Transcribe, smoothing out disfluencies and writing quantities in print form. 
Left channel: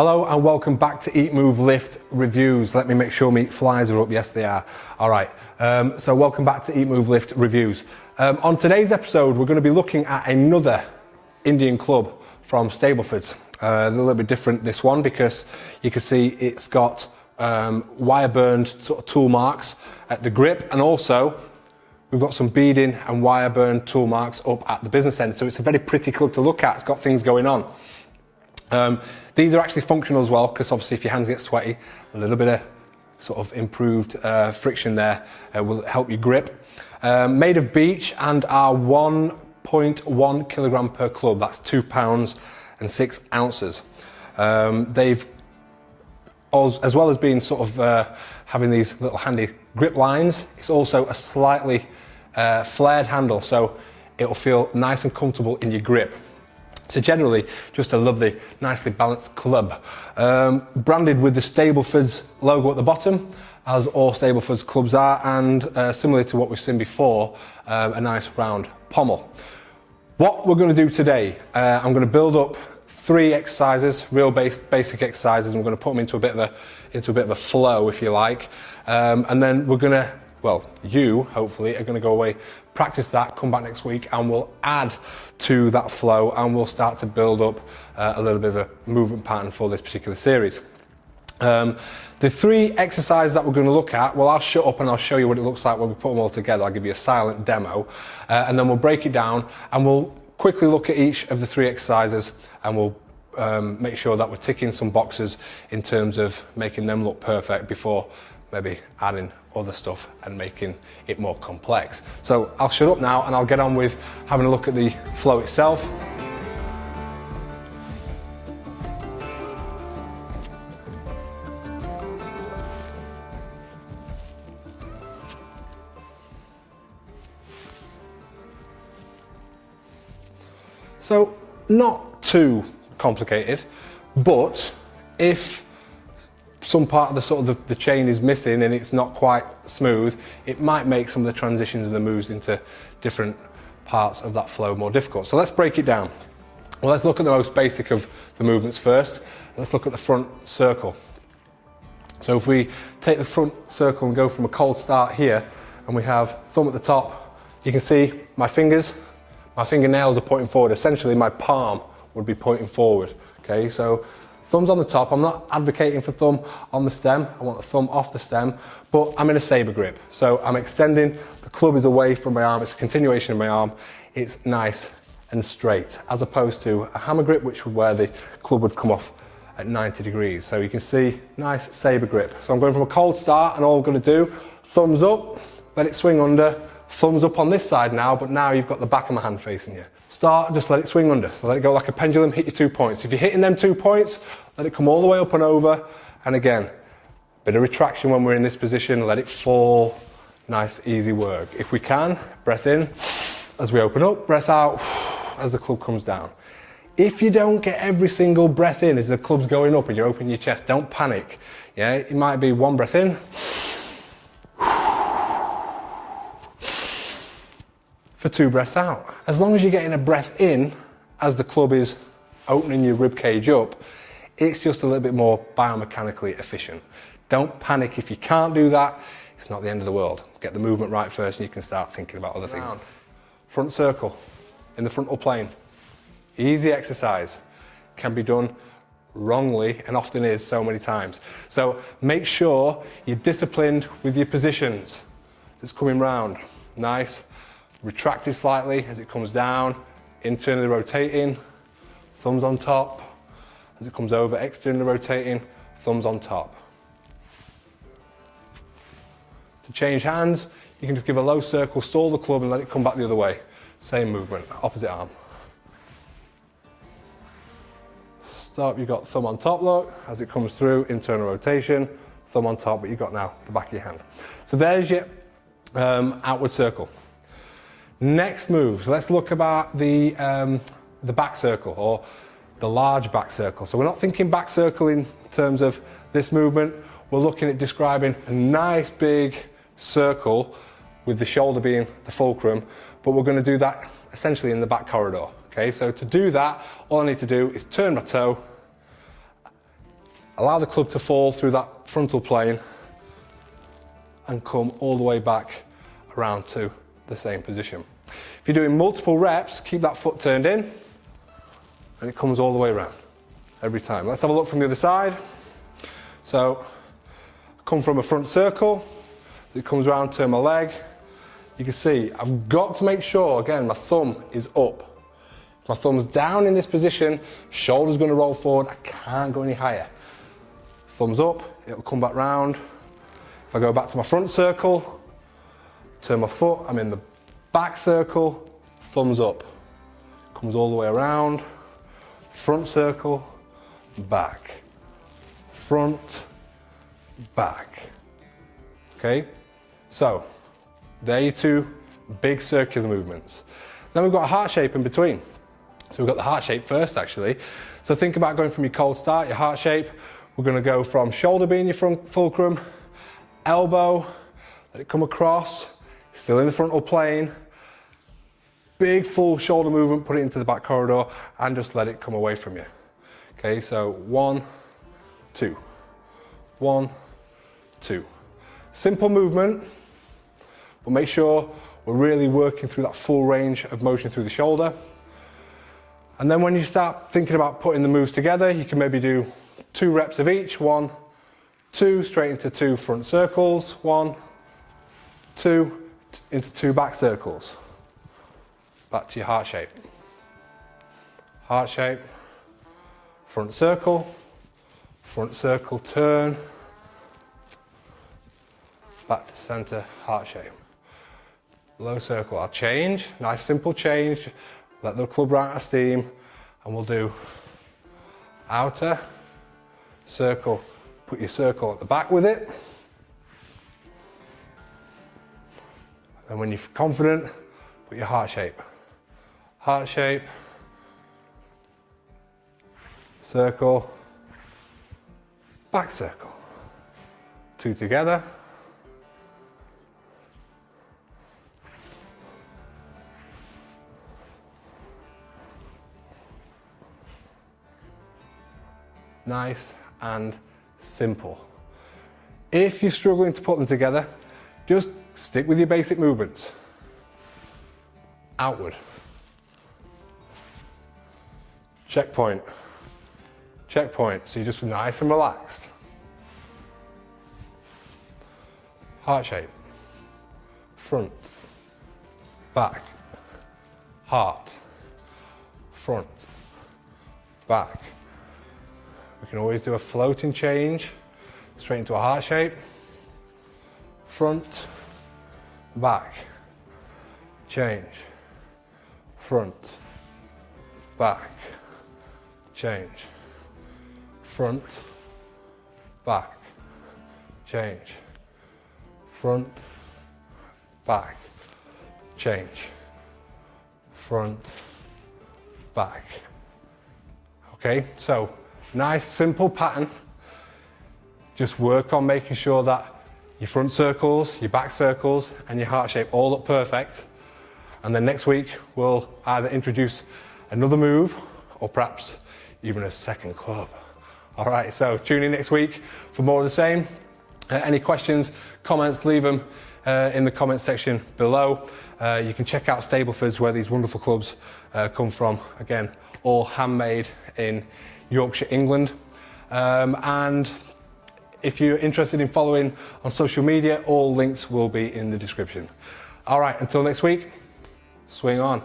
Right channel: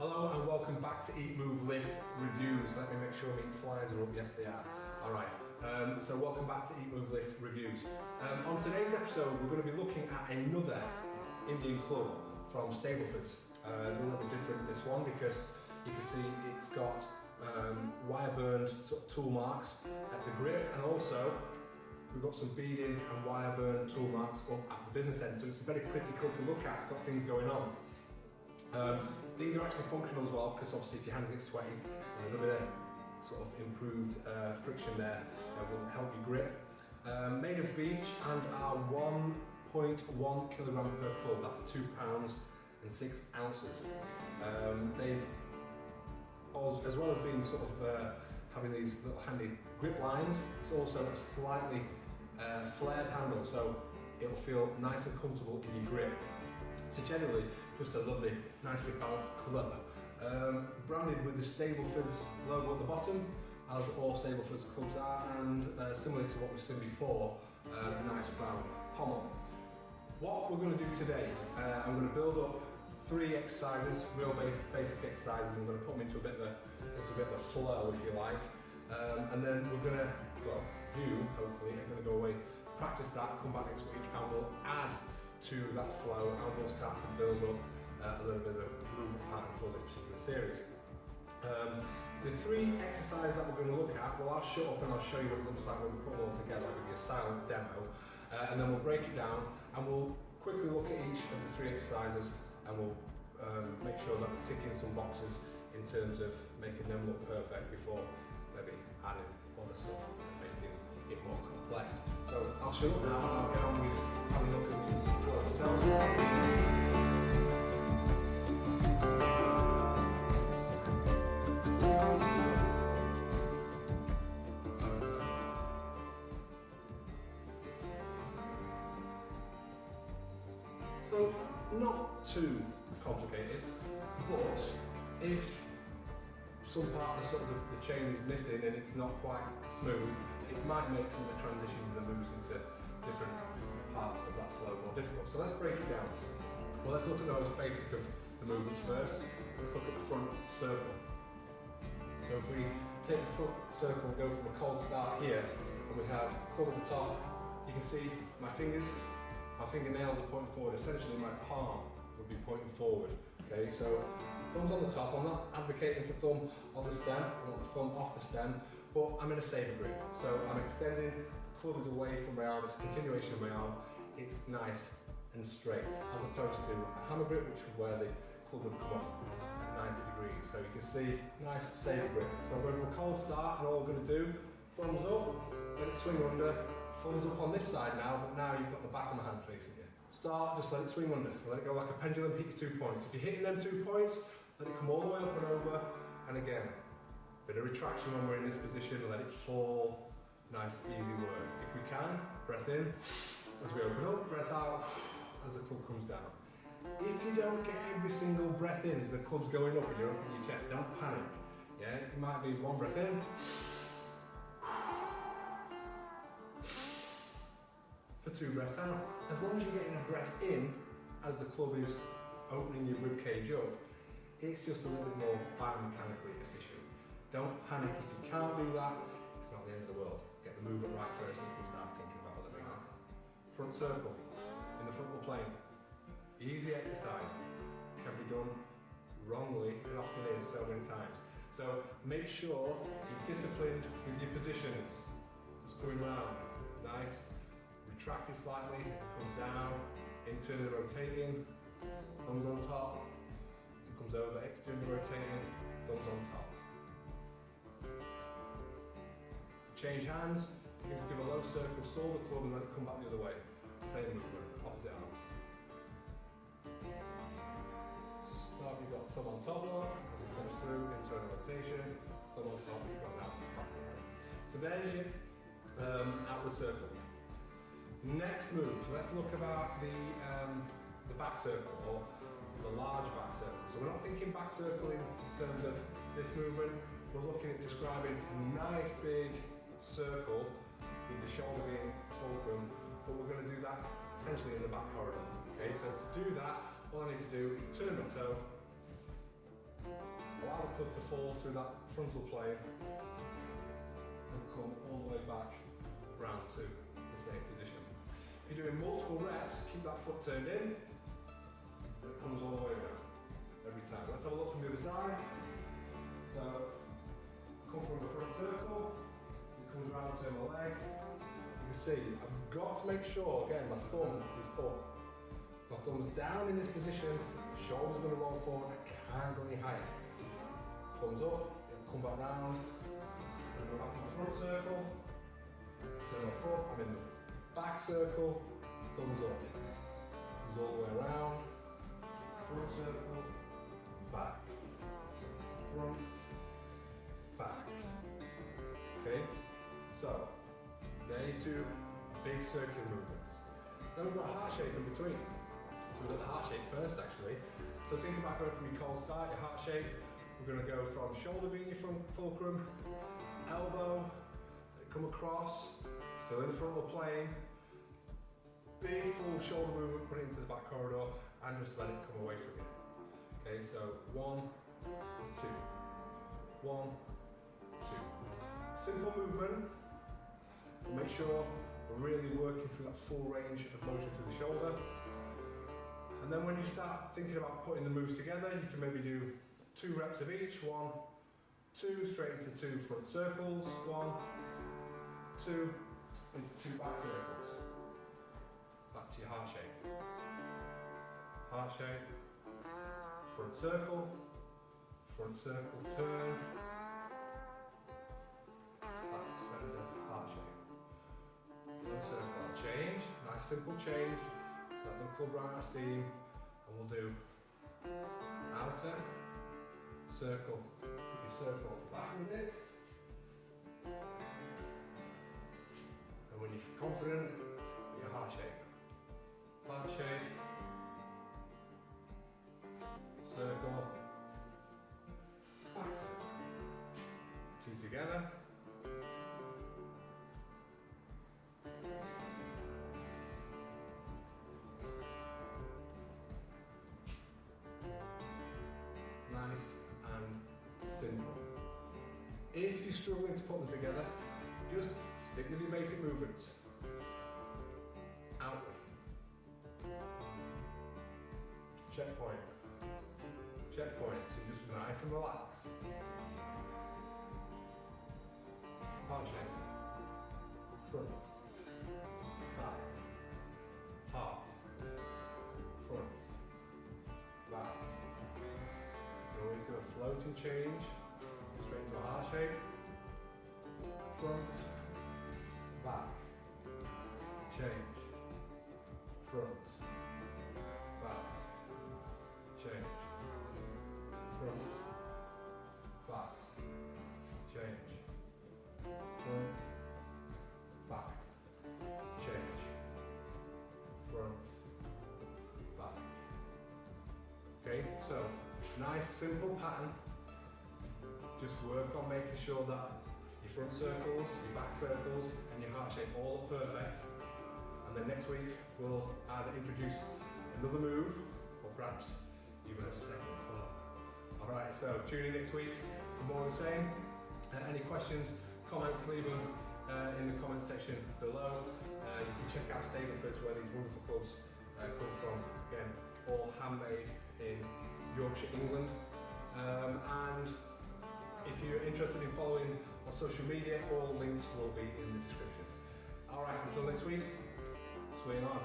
Hello and welcome back to Eat, Move, Lift Reviews. Let me make sure my flies are up. Yes, they are. All right, so welcome back to Eat, Move, Lift Reviews. On today's episode, we're going to be looking at another Indian club from Stablefords. A little bit different, this one, because you can see it's got wire burned sort of tool marks at the grip, and also we've got some beading and wire burned tool marks up at the business end. So it's a very pretty club to look at. It's got things going on. These are actually functional as well, because obviously if your hands get sweaty, a little bit of sort of improved friction there will help you grip. Made of beech and are 1.1 kilogram per club. That's 2 pounds and 6 ounces. They've, as well as being sort of having these little handy grip lines, it's also a slightly flared handle, so it'll feel nice and comfortable in your grip. So generally, just a lovely, nicely balanced club. Branded with the Stablefords logo at the bottom, as all Stablefords clubs are, and similar to what we've seen before, a nice round pommel. What we're going to do today, I'm going to build up 3 exercises, real basic exercises, and we're going to put them into a bit of a flow, if you like. And then we're going to, well, you hopefully are going to go away, practice that, come back next week, and we'll add to that flow, and we'll start to build up a little bit of a movement pattern for this particular series. The 3 exercises that we're going to look at, well, I'll shut up and I'll show you what it looks like when we put them all together. I'll give you a silent demo, and then we'll break it down, and we'll quickly look at each of the 3 exercises, and we'll make sure that we're ticking some boxes in terms of making them look perfect before maybe adding other stuff and making it more complex. So I'll shut up now and I'll get on with having a look at the flow itself. So not too complicated, but if some part of the sort of the chain is missing and it's not quite smooth, it might make some of the transitions and the moves into different parts of that flow more difficult. So let's break it down. Well, let's look at the most basic of the movements first. Let's look at the front circle. So if we take the front circle and go from a cold start here, and we have thumb at the top, you can see my fingernails are pointing forward. Essentially my palm would be pointing forward. Okay, so thumb's on the top. I'm not advocating for thumb on the stem. I want the thumb off the stem, but I'm in a saber grip. So I'm extending, the club is away from my arm. It's a continuation of my arm. It's nice and straight, as opposed to a hammer grip, which would where the club would come off at 90 degrees. So you can see, nice saber grip. So I'm going from a cold start, and all I'm going to do, thumbs up, let it swing under, thumbs up on this side now, but now you've got the back of my hand facing you. Start, just let it swing under. So let it go like a pendulum, hit your 2 points. If you're hitting them 2 points, let it come all the way up and over. And again, bit of retraction when we're in this position, let it fall. Nice, easy work. If we can, breath in as we open up, breath out as the club comes down. If you don't get every single breath in as the club's going up and you're opening your chest, don't panic. Yeah, it might be 1 breath in, for 2 breaths out. As long as you're getting a breath in as the club is opening your rib cage up, it's just a little bit more biomechanically efficient. Don't panic if you can't do that. It's not the end of the world. Get the movement right first and you can start thinking about other things. Front circle in the frontal plane. Easy exercise. Can be done wrongly, and often is so many times. So make sure you're disciplined with your positions. It's coming round. Nice. Retracted slightly as it comes down, internally rotating, thumbs on top. As it comes over, externally rotating, thumbs on top. To change hands, you can just give a low circle, stall the club and let it come back the other way. Same movement, opposite arm. Stop, you've got thumb on top, look. As it comes through, internal rotation, thumb on top, but you've got now the back of your hand. So there's your outward circle. Next move, so let's look about the back circle, or the large back circle. So we're not thinking back circle in terms of this movement. We're looking at describing a nice big circle with the shoulder being the fulcrum, but we're going to do that essentially in the back corridor. Okay, so to do that, all I need to do is turn my toe, allow the club to fall through that frontal plane and come all the way back around to the same position. If you're doing multiple reps, keep that foot turned in and it comes all the way around every time. Let's have a look from the other side. So, come from a front circle, it comes around, turn my leg. You can see, I've got to make sure, again, my thumb is up. If my thumb's down in this position, shoulder's gonna roll forward, I can't go any higher. Thumbs up, it'll come back round. If I go back to my front circle, turn my foot, I'm in the back circle, thumbs up. Comes all the way around, front circle, back, front, back. Okay, so there are your two big circular movements. Then we've got a heart shape in between. So we've got the heart shape first actually. So think about going from your cold start, your heart shape. We're gonna go from shoulder being your front fulcrum, elbow, let it come across, still in the frontal plane. Big full shoulder movement, put it into the back corridor and just let it come away from you. Okay, so 1, 2, 1, 2. Simple movement, but make sure we're really working through that full range of motion through the shoulder. And then when you start thinking about putting the moves together, you can maybe do 2 reps of each. 1, 2, straight into 2 front circles. 1, 2, into 2 back circles. Back to your heart shape. Heart shape, front circle, turn, back to center, heart shape. Low circle, I'll change, nice simple change, let the club run out of steam, and we'll do outer, circle, put your circle at the back with it. And when you're confident, put your heart shape. Heart shape, circle, back circle. 2 together. Nice and simple. If you're struggling to put them together, just stick with your basic movements. Outward. Checkpoint. Checkpoint. So you're just nice and relaxed. Heart shape. Front. Back. Heart. Front. Back. We can always do a floating change straight into a heart shape. Front, back, change. Front, back, change. Front, back, change. Front, back, change. Front, back. Okay, so nice simple pattern. Just work on making sure that your front circles, your back circles and your heart shape all look perfect. And then next week we'll either introduce another move or perhaps even a second club. All right, so tune in next week for more of the same. Any questions, comments, leave them in the comment section below. You can check out Stablefords where these wonderful clubs come from. Again, all handmade in Yorkshire, England. And if you're interested in following on social media, all links will be in the description. All right, until next week, swing on.